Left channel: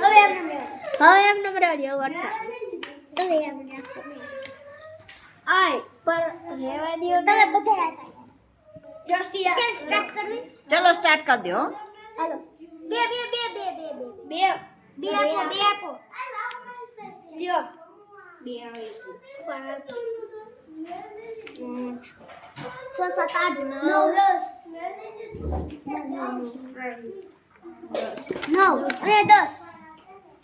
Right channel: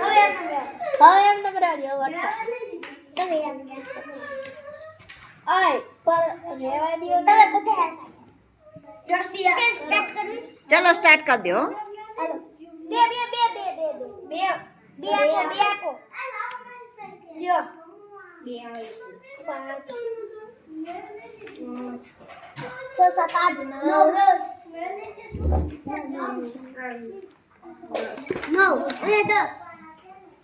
હવે એમ નંબર આવ્યો વાર્તા હવે એમ આય પર રહેવા દો તમે બધા ચલો સ્ટાર્ટ કરી દો હાલો બે બે બે બે બે બે બે બે આપો બે આપો જો બે આવે છ સાત આઠ નવ નવ અને દસ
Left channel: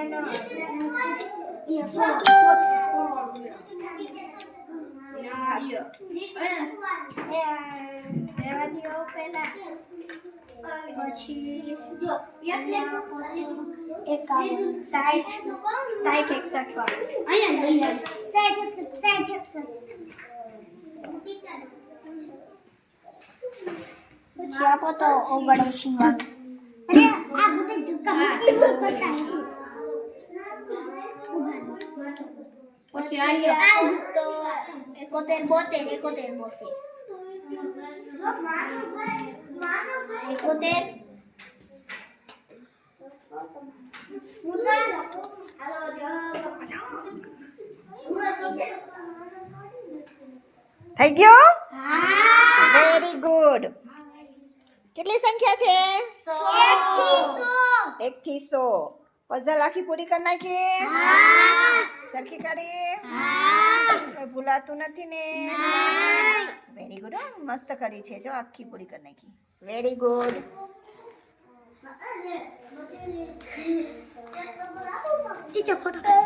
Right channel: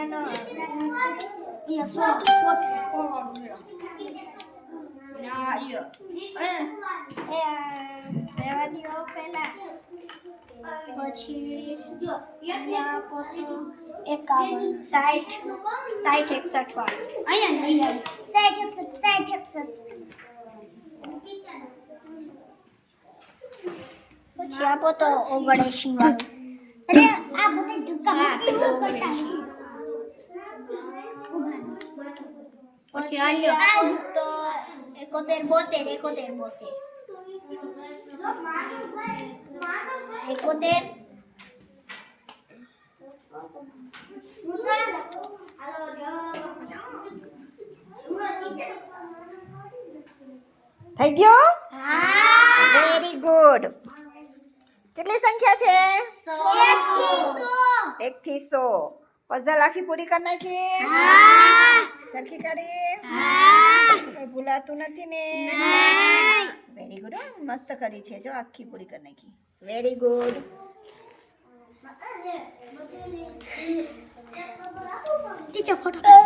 Helena. Iya, suap, suap. Ja, iya. Ja, રેવાદીઓ પહેલા પછી એકાવન સાઠ સાઠ એકસઠ વાળું સાઠ એકસઠ સાઠ એકસઠ પછી આપો તો ઓગણએંશી વાળું આ બધું ઓફ ચાલ્યો આ તો એકતે બોતે એકતે બોતે રોમાનો માનો એકતે મુતર હાલો જો થઈ ગયો હા વેરી ગુડ કેટલી સંખ્યા છે 182 182 પઝલ આખી પૂરી કરના કે હા સરખી કાઢી ભૂલાતું નથી ને વેરી ગુડ મસ્ત કરી છે જો આખી પૂરી કરી નાખી વેરી ગુડ ટીચર ફોટો